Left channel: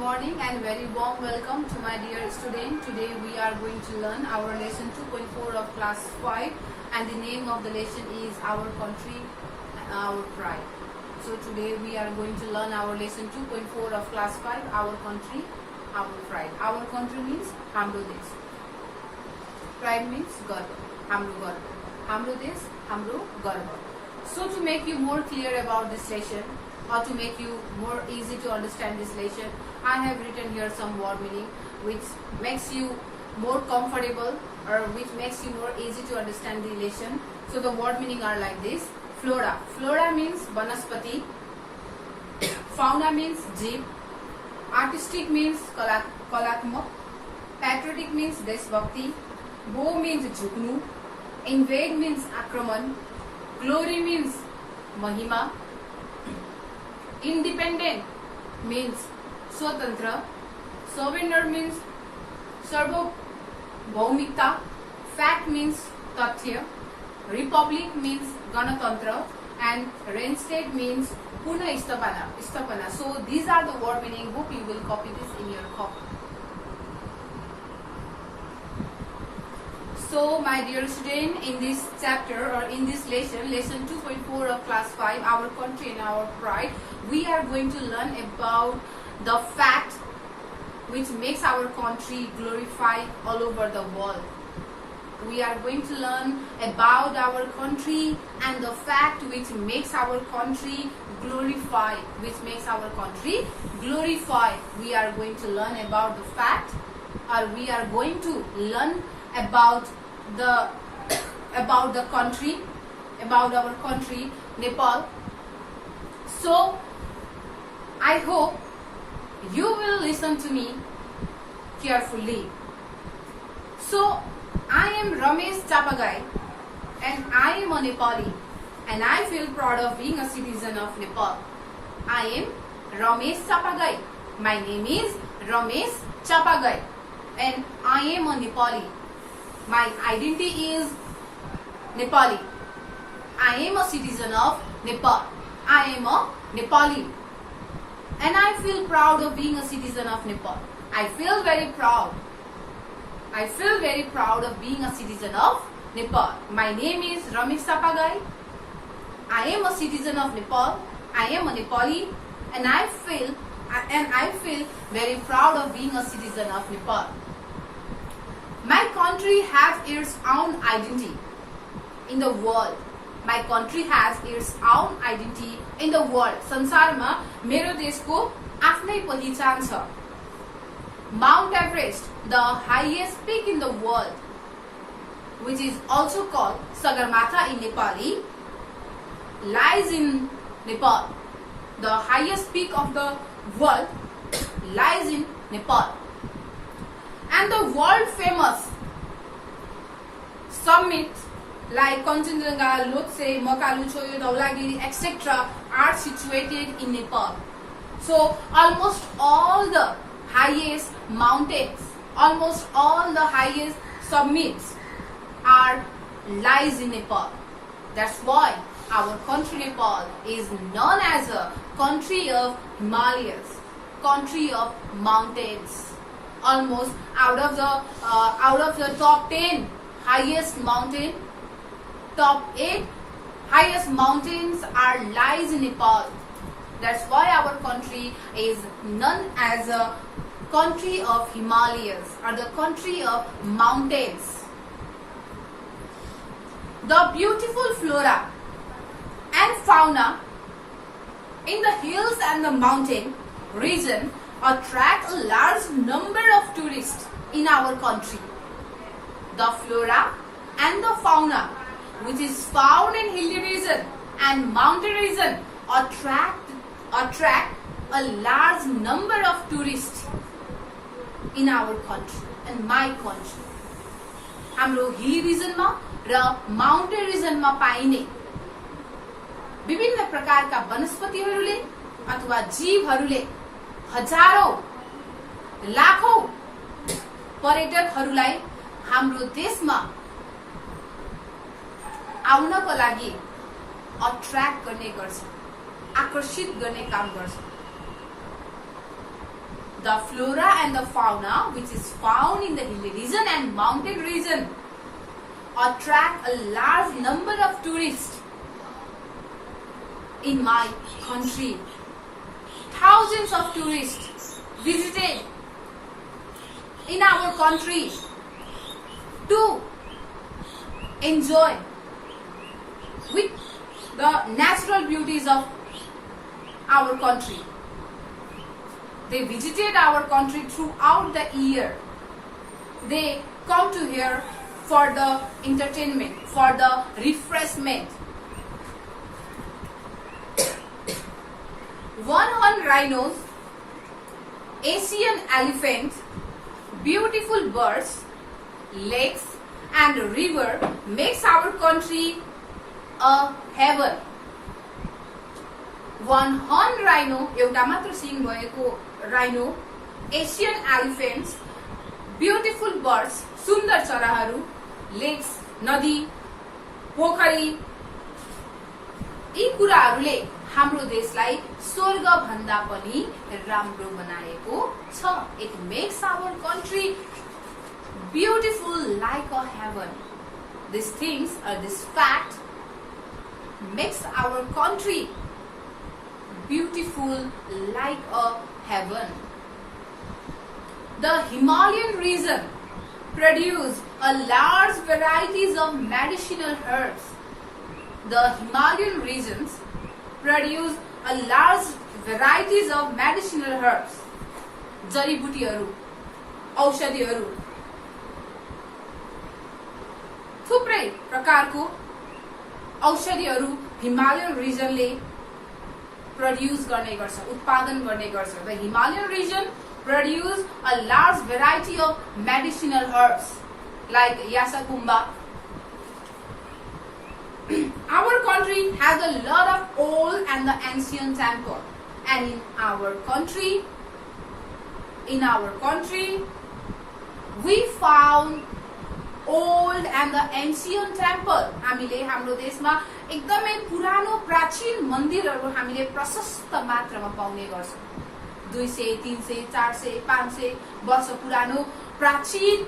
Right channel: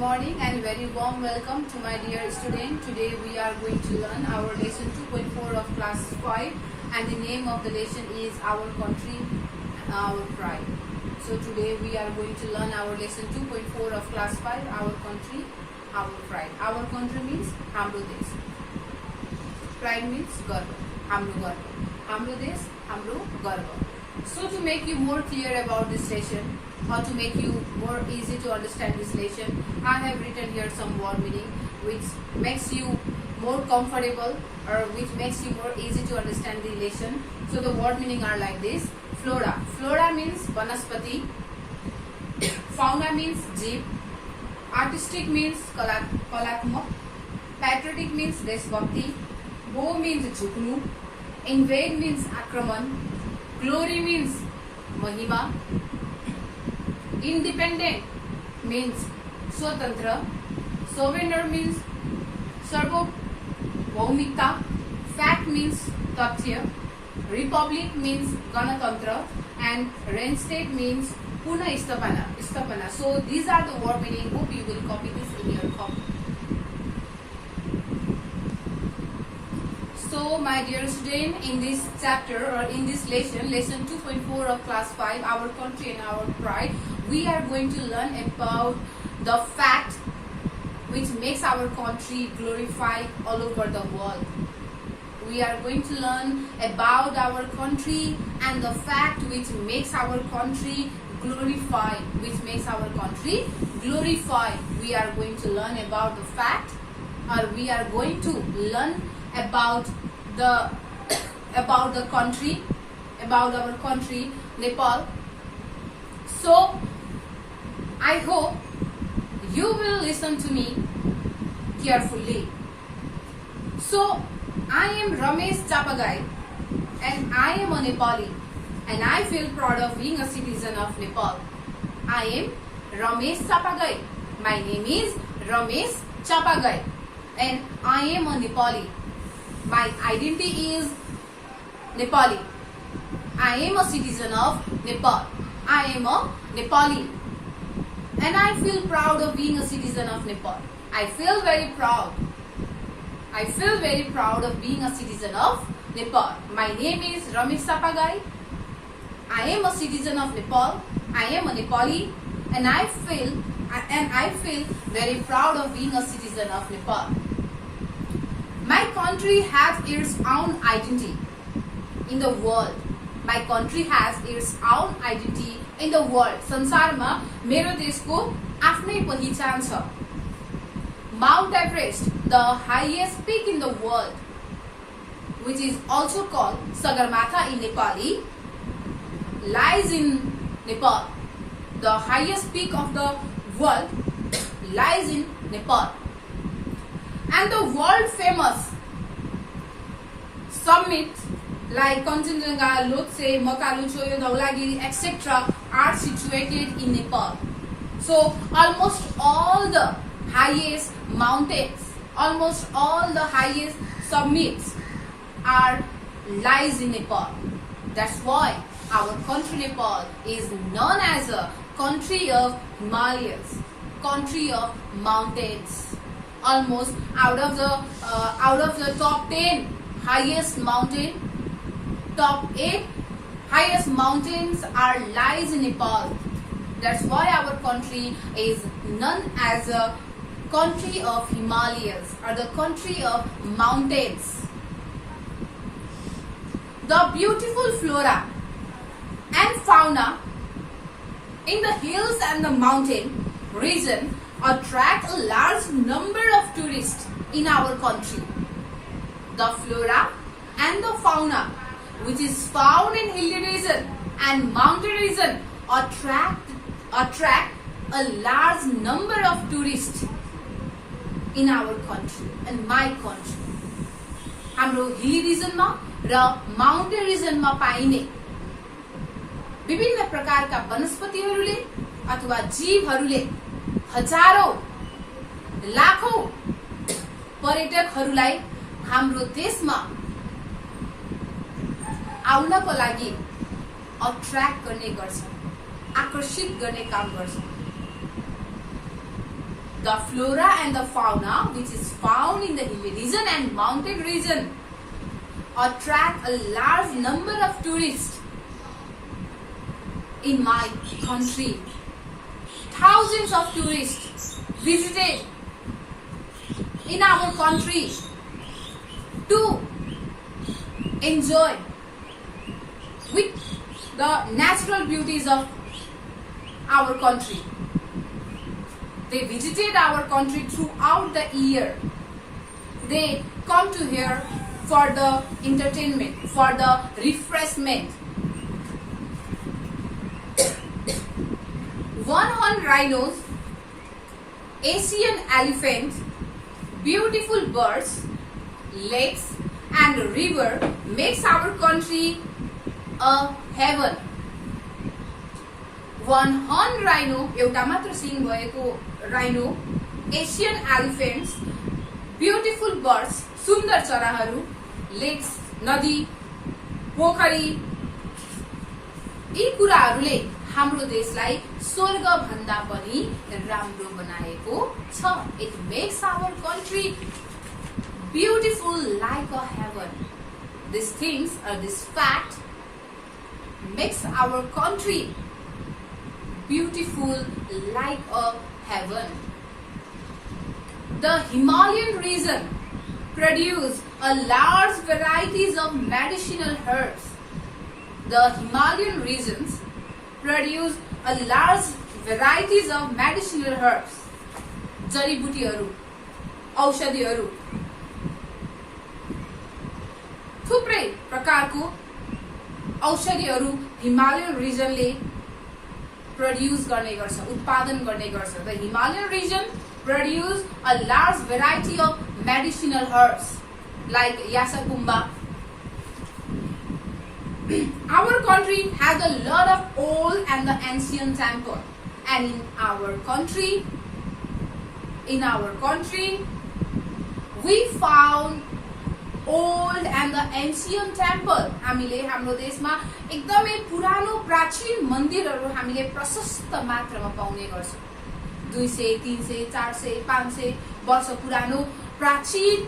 morning and very warm welcome to my dear student. Today we are going to learn our lesson 2.4 of class 5 and the name of the lesson is Our Country, Our Pride. So today we are going to learn our lesson 2.4 of class 5, Our Country, Our Pride. Our country means Hamro Desh. Pride means Garva, Hamro Garva. Hamro Desh, Hamro Garva. So to make you more clear about this lesson, or to make you more easy to understand this lesson, I have written here some word meaning which makes you more comfortable or which makes you more easy to understand the lesson. So the word meaning are like this. Flora. Flora means vanaspati. Fauna means jeep. Artistic means kalatmak. Patriotic means deshbhakti. Bow means jhuknu. Invade means akraman. Glory means mahima. Independent means swatantra. Sovereign means sarvabhaumikta. Fact means tathya. Republic means ganatantra. And reinstate means puna istapana. So these are the word meaning. Hope you will copy this in your copy. So my dear student, in this chapter or in this lesson 2.4 of class 5, Our Country and Our Pride, we are going to learn about the fact which makes our country glorified all over the world. We are going to learn about our country and the fact which makes our country glorified, We are going to learn about the fact, or we are going to learn about our country, Nepal. So I hope you will listen to me carefully. So I am Ramesh Chapagai and I am a Nepali and I feel proud of being a citizen of Nepal. I am Ramesh Chapagai. My name is Ramesh Chapagai and I am a Nepali. My identity is Nepali. I am a citizen of Nepal. I am a Nepali. And I feel proud of being a citizen of Nepal. I feel very proud of being a citizen of Nepal. My name is Ramesh Chapagai. I am a citizen of Nepal. I am a Nepali. And I feel very proud of being a citizen of Nepal. My country has its own identity in the world. My country has its own identity in the world. संसारमा मेरो देशको आफ्नै पहिचान छ. Mount Everest, the highest peak in the world, which is also called Sagarmatha in Nepali, lies in Nepal. The highest peak of the world lies in Nepal. And the world famous summits like Kanchenjunga, Lhotse, Makalu Choyo, Dhaulagiri, etc. are situated in Nepal. So almost all the highest mountains, almost all the highest summits lies in Nepal. That's why our country Nepal is known as a country of Himalayas, country of mountains. Almost out of the top 10 highest mountain, top 8 highest mountains lies in Nepal. That's why our country is known as a country of Himalayas or the country of mountains. The beautiful flora and fauna in the hills and the mountain region attract a large number of tourists in our country. The flora and the fauna which is found in hilly region and mountain region attract a large number of tourists in our country and my country. हाम्रो हिली रिजनमा र mountain रिजनमा पाइने विभिन्न प्रकारका वनस्पतिहरूले अथवा जीवहरूले हजारौं लाखौं पर्यटकहरूलाई हाम्रो देशमा आउनको लागि अट्र्याक्ट गर्ने गर्छ, आकर्षित गर्ने काम गर्छ. The flora and the fauna which is found in the hilly region and mountain region attract a large number of tourists in my country. Thousands of tourists visited in our country to enjoy with the natural beauties of our country. They visited our country throughout the year. They come to here for the entertainment, for the refreshment. One-horned rhinos, Asian elephants, beautiful birds, lakes and river makes our country a heaven. One-horned rhino, एउटा मात्र सिङ भएको rhino, Asian elephants, beautiful birds, सुन्दर चराहरू, lakes, नदी, पोखरी, यी कुराहरूले हाम्रो देशलाई स्वर्ग भन्दा पनि राम्रो बनाएको छ. It makes our country beautiful like a heaven. These things or this fact makes our country beautiful like a heaven. The Himalayan region produce a large varieties of medicinal herbs. The Himalayan regions produce a large varieties of medicinal herbs. जडीबुटीहरू, औषधिहरू, थुप्रै प्रकारको औषधिहरू Himalayan रिजनले produce गर्ने गर्छ, उत्पादन गर्ने गर्छ. The Himalayan region produce a large variety of medicinal herbs like Yasakumba. Our country has a lot of old and the ancient temple, and in our country we found old and the ancient temple. हामीले हाम्रो देशमा एकदमै पुरानो प्राचीन मन्दिरहरू हामीले प्रशस्त मात्रामा पाउने गर्छौं. 200, 300, 400, 500 वर्ष पुरानो प्राचीन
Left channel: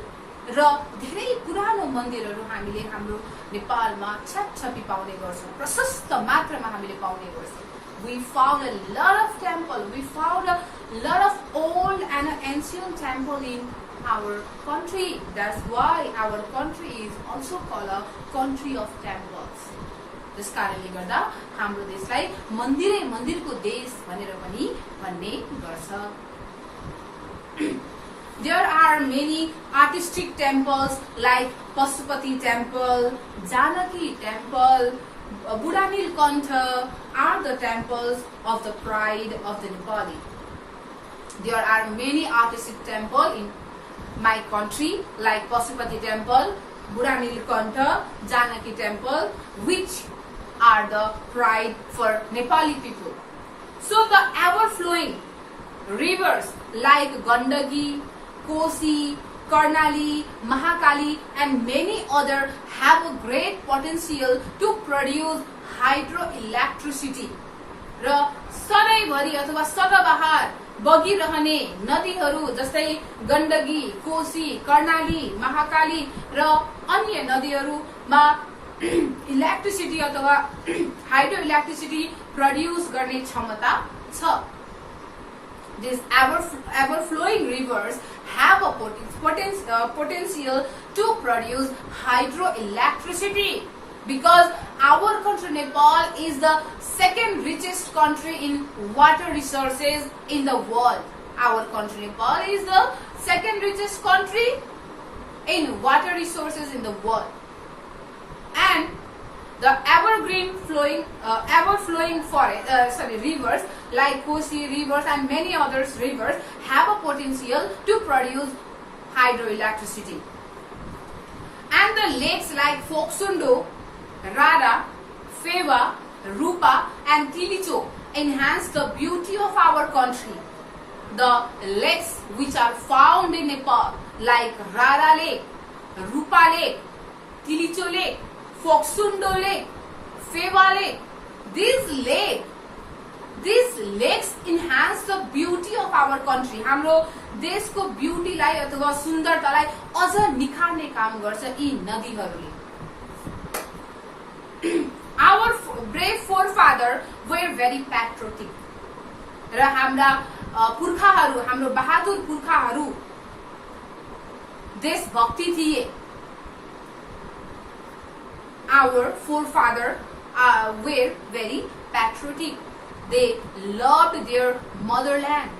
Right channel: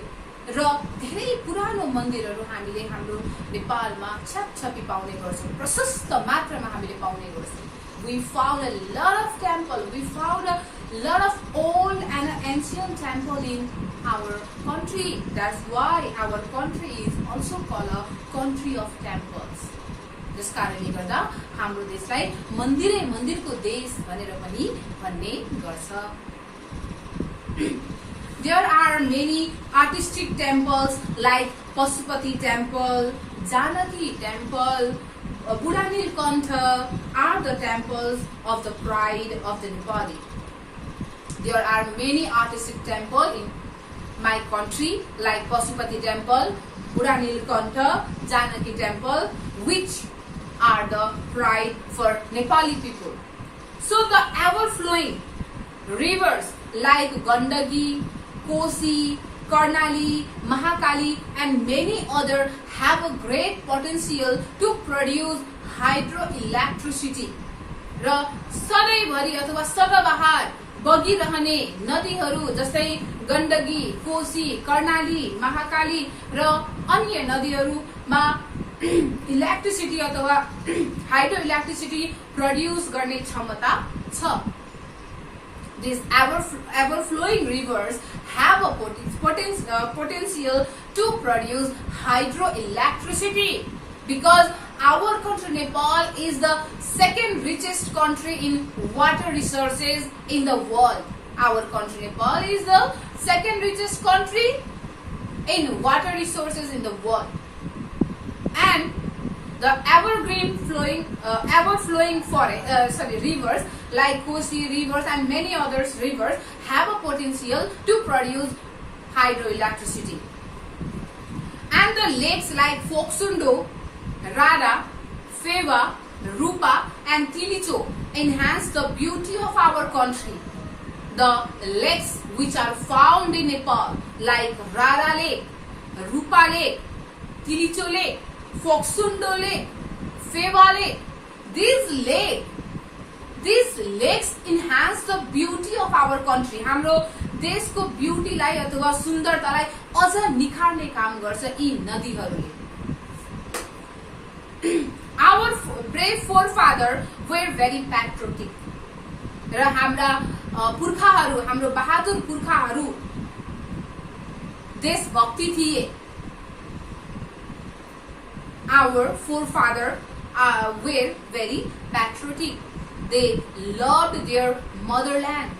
र धेरै पुरानो मन्दिरहरू हामीले हाम्रो नेपालमा छटछटी पाउने गर्छौं. प्रशस्त मात्रामा हामीले पाउने गर्छौं. We found a lot of temple. We found a lot of old and ancient temple in our country. That's why our country is also called a country of temples. त्यस कारणले गर्दा हाम्रो देशलाई मन्दिरको देश भनेर पनि भन्ने गर्छ. There are many artistic temples like Pasupati Temple, Janaki Temple, Budhanilkantha are the temples of the pride of the Nepali. There are many artistic temples in my country like Pasupati Temple, Budhanilkantha, Janaki Temple, which are the pride for Nepali people. So the ever-flowing rivers like Gandaki, Kosi, Karnali, Mahakali and many other have a great potential to produce hydroelectricity. र सधैँभरि अथवा सदाबहार बगिरहने नदीहरू जस्तै गण्डकी, कोशी, कर्णाली, महाकाली र अन्य नदीहरूमा electricity अथवा hydroelectricity produce गर्ने क्षमता छ. These ever-flowing rivers have a potential to produce hydroelectricity because our country Nepal is the second richest country in water resources in the world. Our country Nepal is the second richest country in water resources in the world. And the ever-flowing rivers like Kosi rivers and many other rivers have a potential to produce hydroelectricity. And the lakes like Phoksundo, Rara, Pheva, Rupa and Tilicho enhance the beauty of our country. The lakes which are found in Nepal like Rara Lake, Rupa Lake, Tilicho Lake, Phoksundo Lake, Pheva Lake, these lakes These lakes enhance the beauty of our country. हाम्रो देशको ब्युटीलाई अथवा सुन्दरतालाई अझ निखार्ने काम गर्छ यी नदीहरूले. Our brave forefather were very patriotic. र हाम्रा पुर्खाहरू, हाम्रो बहादुर पुर्खाहरू देशभक्ति थिए. Our forefather were very patriotic. They loved their motherland.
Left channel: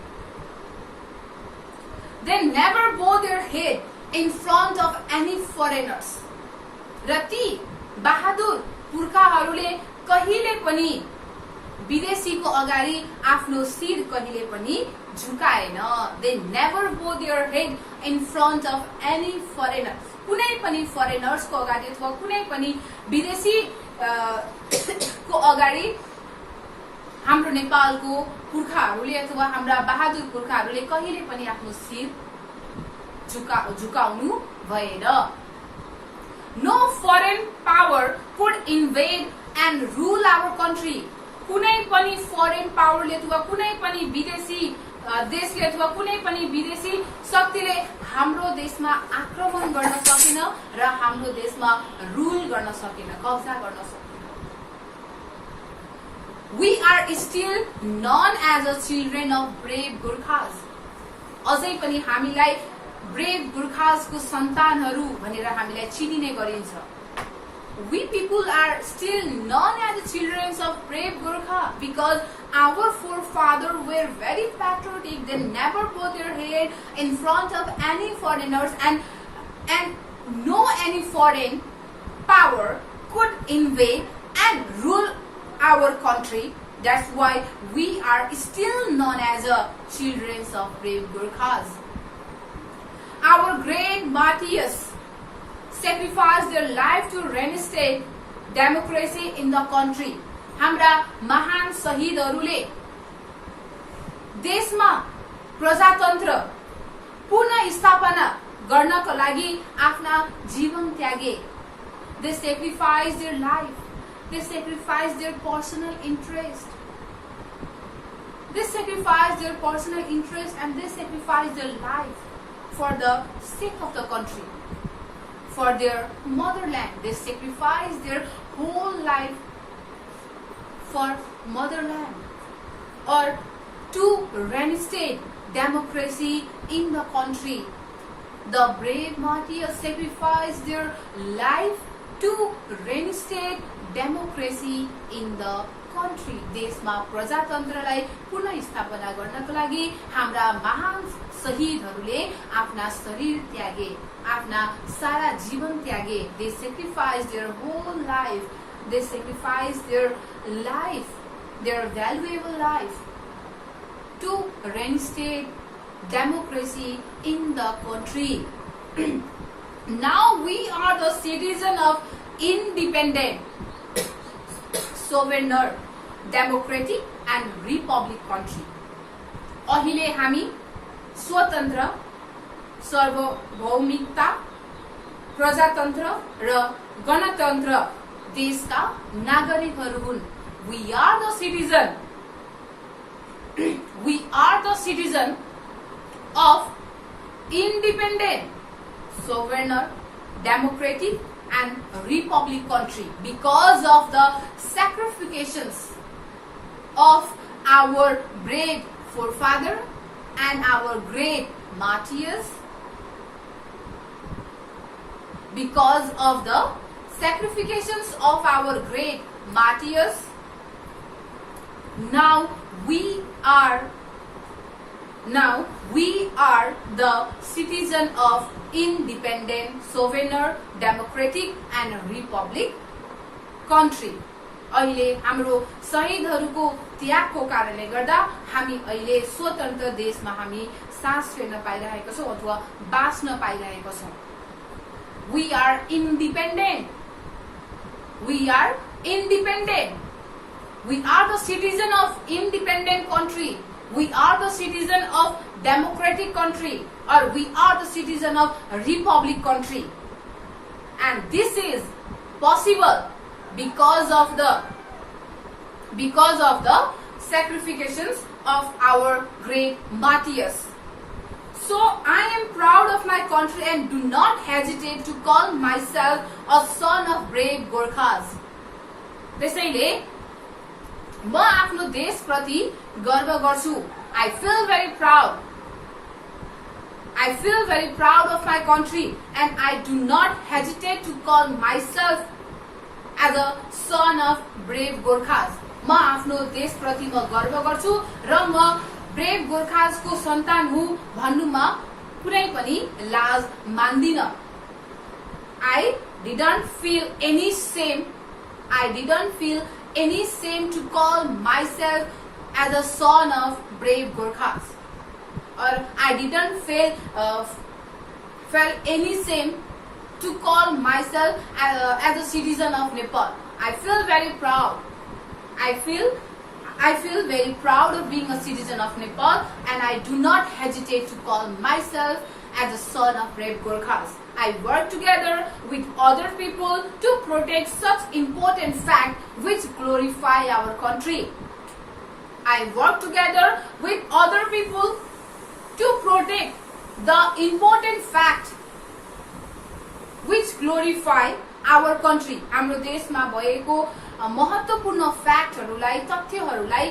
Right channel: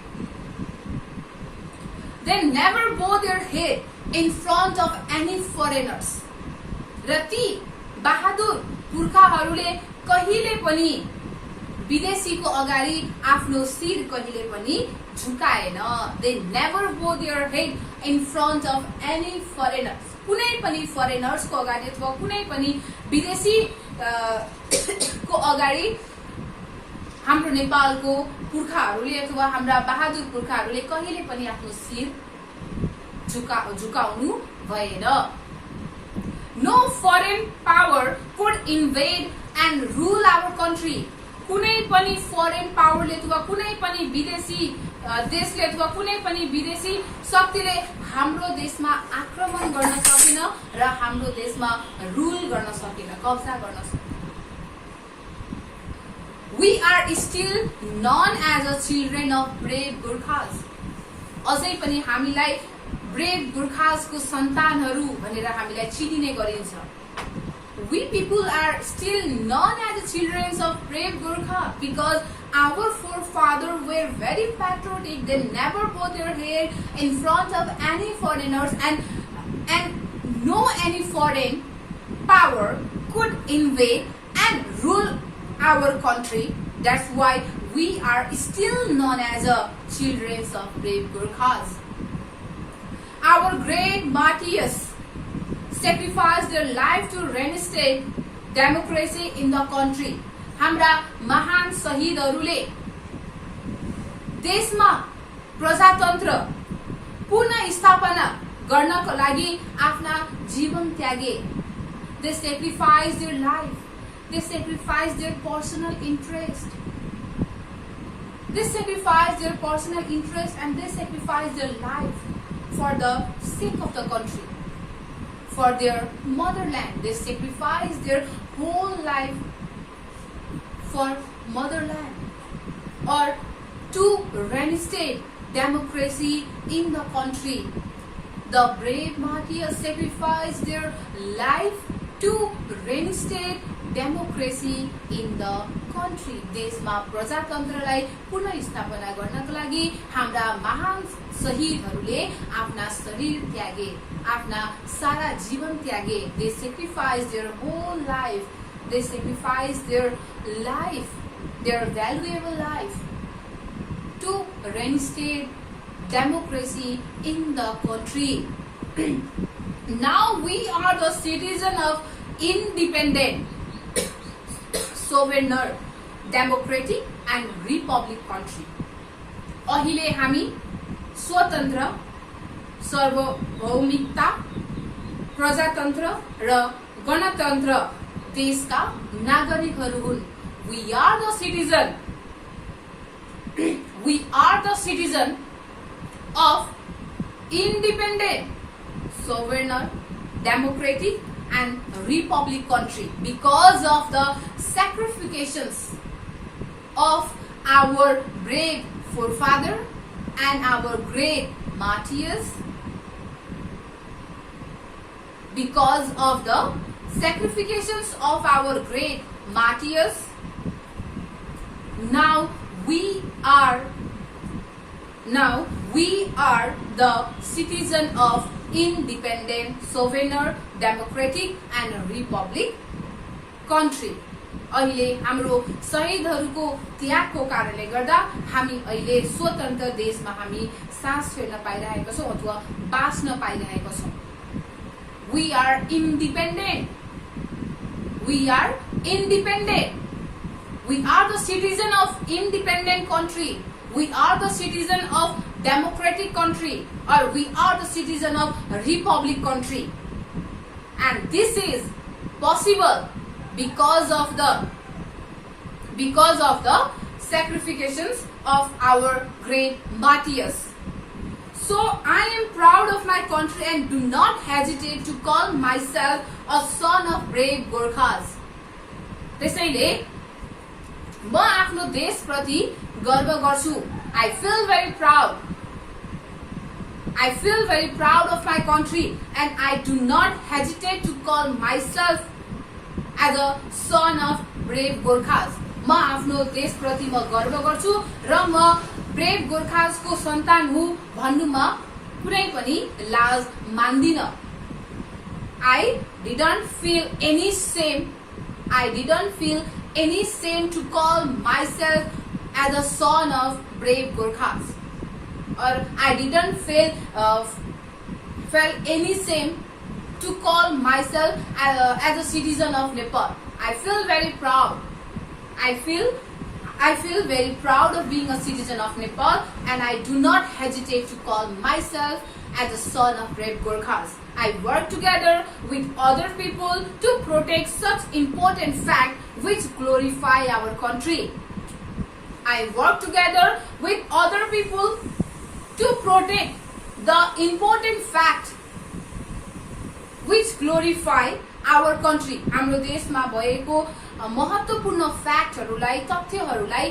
They never bow their head in front of any foreigners. र ती बहादुर पुर्खाहरूले कहिले पनि विदेशीको अगाडि आफ्नो शिर कहिले पनि झुकाएन. They never bow their head in front of any foreigners. कुनै पनि फरेनर्स को अगाडि अथवा कुनै पनि विदेशी को अगाडि हाम्रो नेपालको पुर्खाहरूले अथवा हाम्रा बहादुर पुर्खाहरूले कहिले पनि आफ्नो शिर झुकाउनु भएन. No foreign power could invade and rule our country. कुनै पनि फरेन पावरले अथवा कुनै पनि विदेशी देशले अथवा कुनै पनि विदेशी शक्तिले हाम्रो देशमा आक्रमण गर्न सकेन र हाम्रो देशमा रुल गर्न सकेन, कब्जा गर्न सकेन. We are still known as the children of brave Gurkhas. अझै पनि हामीलाई ब्रेभ गुर्खास को सन्तानहरू भनेर हामीलाई चिनिने गरिन्छ. We people are still known as the children of brave Gurkha because our forefathers were very patriotic. They never bowed their head in front of any foreigners, and no any foreign power could invade and rule our country. That's why we are still known as the children of brave Gurkhas. Our great martyrs sacrificed their life to reinstate democracy in the country. हाम्रा महान शहीदहरूले देशमा प्रजातन्त्र पुनः स्थापना गर्नको लागि आफ्ना जीवन त्यागे. They sacrificed their life. They sacrificed their personal interest. They sacrificed their personal interest and they sacrificed their life for the sake of the country, for their motherland. They sacrificed their whole life for motherland or to reinstate democracy in the country. The brave martyrs sacrificed their life to reinstate democracy in the country. देशमा प्रजातन्त्रलाई पुनः स्थापना गर्नको लागि हाम्रा महान शहीदहरूले आफ्ना शरीर त्यागे, आफ्ना सारा जीवन त्यागे. They sacrificed their whole life. They sacrificed their life, their valuable life to reinstate democracy in the country. Now we are the citizen of independent, sovereign, democratic and republic country. अहिले हामी स्वतन्त्र, सार्वभौमिकता, प्रजातन्त्र र गणतन्त्र देशका नागरिकहरू हुन्. We are the citizen. We are the citizen of independent, sovereign, democratic and republic country because of the sacrifices of our brave forefather and our great martyrs. Because of the sacrifices of our great martyrs, now we are the citizen of independent, sovereign, democratic and republic country. अहिले हाम्रो शहीदहरूको त्यागको कारणले गर्दा हामी अहिले स्वतन्त्र देशमा हामी सास फेर्न पाइरहेका छौं अथवा बाँच्न पाइरहेका छौं. We are independent. We are independent. We are the citizen of independent country. We are the citizen of democratic country, or we are the citizen of republic country. And this is possible because of the sacrifices of our great martyrs. So I am proud of my country and do not hesitate to call myself a son of brave Gorkhas. त्यसैले म आफ्नो देशप्रति गर्व गर्छु. I feel very proud. I feel very proud of my country and I do not hesitate to call myself as a son of brave Gorkhas. म आफ्नो देशप्रति म गर्व गर्छु र म ब्रेभ गोर्खासको सन्तान हुँ भन्नुमा कुनै पनि लाज मान्दिन. I didn't feel any shame. I didn't feel any shame to call myself as a son of brave Gorkhas. Or I didn't felt any shame to call myself as a citizen of Nepal. I feel very proud. I feel very proud of being a citizen of Nepal and I do not hesitate to call myself as a son of brave Gorkhas. I work together with other people to protect such important facts which glorify our country. I work together with other people to protect the important fact which glorify our country. हाम्रो देशमा भएको महत्त्वपूर्ण फ्याक्टहरूलाई तथ्यहरूलाई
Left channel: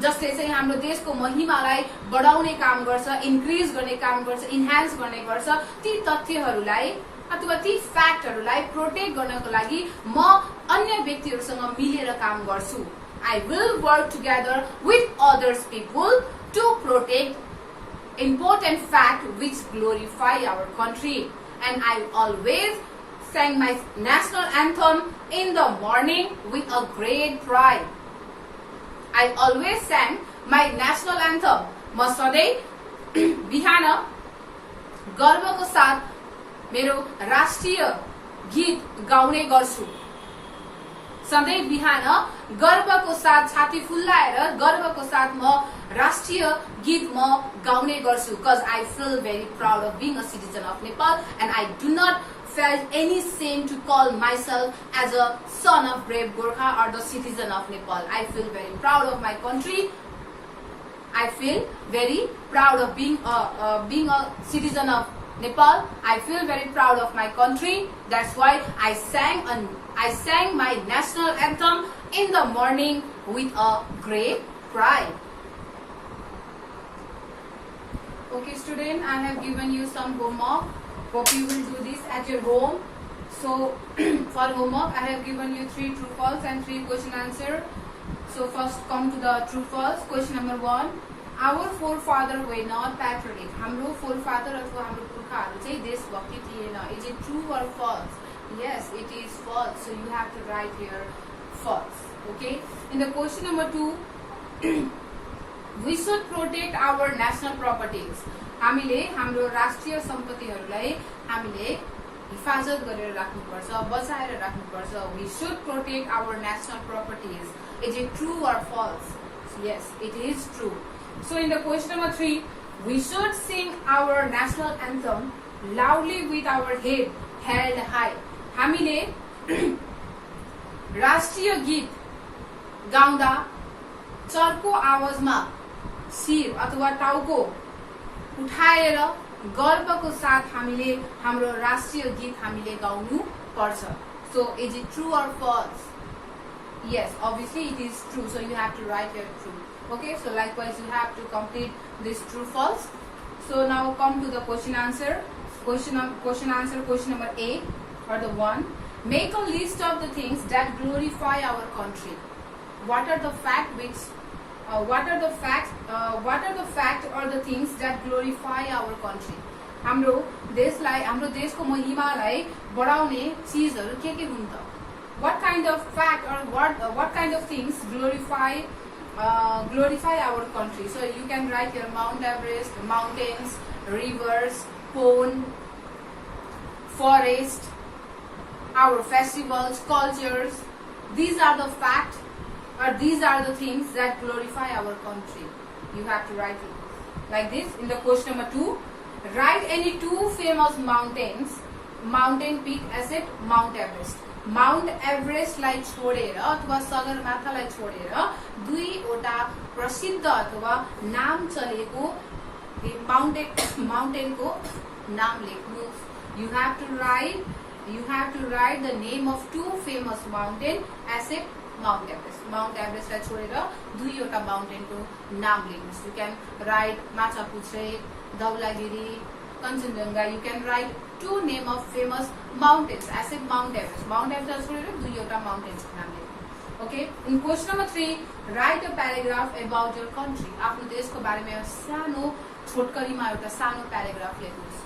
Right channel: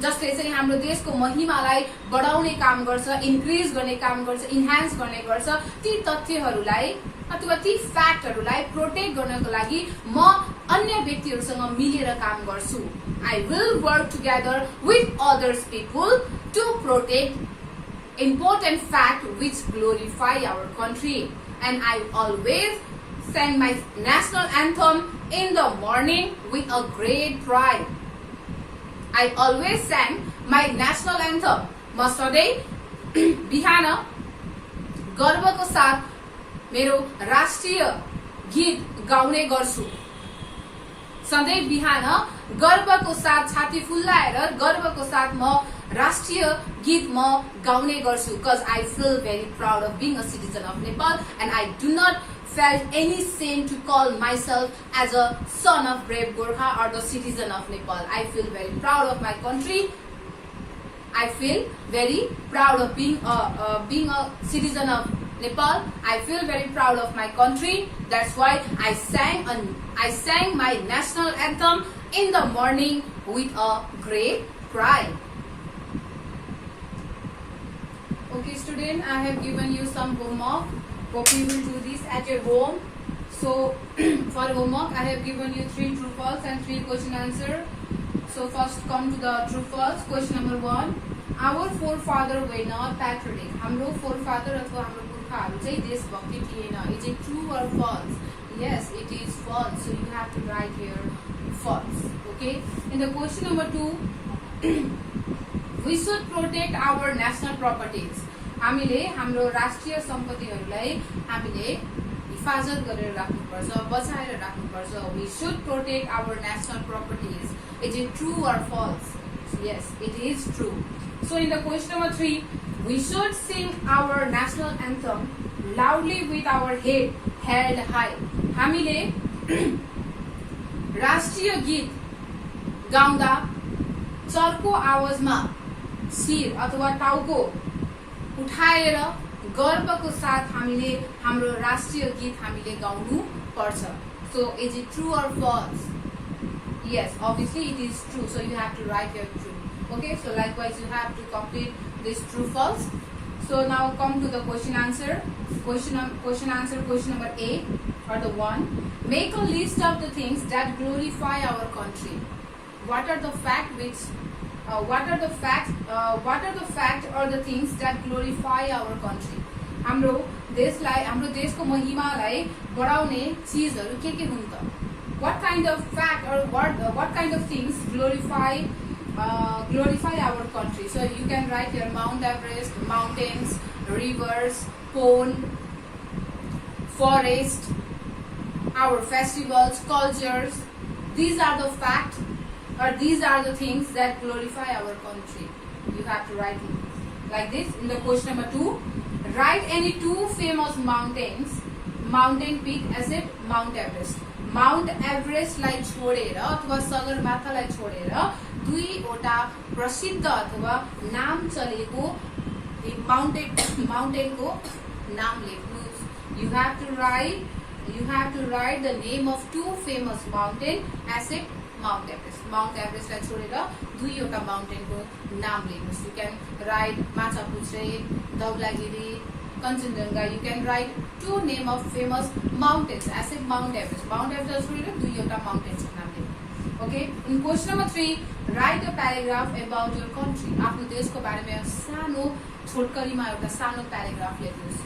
जसले चाहिँ हाम्रो देशको महिमालाई बढाउने काम गर्छ, इन्क्रिज गर्ने काम गर्छ, इन्हान्स गर्ने गर्छ, ती तथ्यहरूलाई अथवा ती फ्याक्टहरूलाई प्रोटेक्ट गर्नको लागि म अन्य व्यक्तिहरूसँग मिलेर काम गर्छु. I will work together with others people to protect important fact which glorify our country. And I always sang my national anthem in the morning with a great pride. I always sang my national anthem. म सधैँ बिहान गर्वको साथ मेरो राष्ट्रिय गीत गाउने गर्छु. सधैँ बिहान गर्वको साथ छाती फुल्लाएर गर्वको साथ म राष्ट्रिय गीत म गाउने गर्छु. Because I feel very proud of being a citizen of Nepal and I do not felt any shame to call myself as a son of brave Gorkha or the citizen of Nepal. I feel very proud of my country. I feel very proud of being a citizen of Nepal. I feel very proud of my country. That's why I sang my national anthem in the morning with a great pride. Okay, student, I have given you some homework. Hope you will do this at your home. So, for homework, I have given you 3 true false and 3 question answer. So, first come to the true false. Question number 1. Our forefather were not patriotic. हाम्रो forefather अथवा हाम्रो पुर्खाहरू चाहिँ देशभक्ति थिएन. Is it true or false? Yes, it is false. So, you have to write here false. Okay. In the question number 2, we should protect our national properties. हामीले हाम्रो राष्ट्रिय सम्पत्तिहरूलाई हामीले हिफाजत गरेर राख्नुपर्छ, बचाएर राख्नुपर्छ. We should protect our national properties. Is it true or false? Yes, it is true. So in the question number 3, we should sing our national anthem loudly with our head held high. हामीले राष्ट्रिय गीत गाउँदा चर्को आवाजमा शिर अथवा टाउको उठाएर गर्वको साथ हामीले हाम्रो राष्ट्रिय गीत हामीले गाउनु पर्छ. So is it true or false? Yes, obviously it is true. So you have to write your true. Okay, so likewise you have to complete this true false. So now come to the question answer. Question number 8 or the 1. Make a list of the things that glorify our country. What are the facts or the things that glorify our country? हाम्रो देशलाई, हाम्रो देशको महिमालाई बढाउने चीजहरू के हुन् त? What kind of fact or what kind of things glorify our country? So you can write here Mount Everest, mountains, rivers, pond, forest, our festivals, cultures. These are the facts or these are the things that glorify our country. You have to write it like this. In the question number 2, write any 2 famous mountains. Mountain peak as it Mount Everest. Mount Everest लाई छोडेर अथवा सगरमाथालाई छोडेर दुईवटा प्रसिद्ध अथवा नाम चलेको माउन्टेनको नाम लेख्नुहोस्. You have to write the name of two famous mountain except Mount Everest. Mount Everest लाई छोडेर दुईवटा माउन्टेनको नाम लेख्नुहोस्. You can write Machhapuchhre, Dhaulagiri, Kanchenjunga. You can write two name of famous mountains except Mount Everest. Mount Everest छोडेर दुईवटा mountains को नाम लेख्नुहोस्. Okay. In question number 3, write a paragraph about your country. आफ्नो देशको बारेमा सानो छोटकरीमा एउटा सानो paragraph लेख्नुहोस्.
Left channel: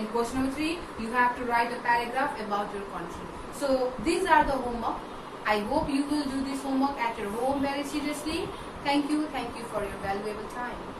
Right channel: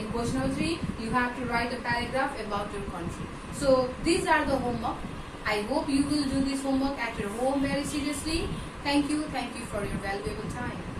In question number 3, you have to write a paragraph about your country. So these are the homework. I hope you will do this homework at your home very seriously. Thank you for your valuable time.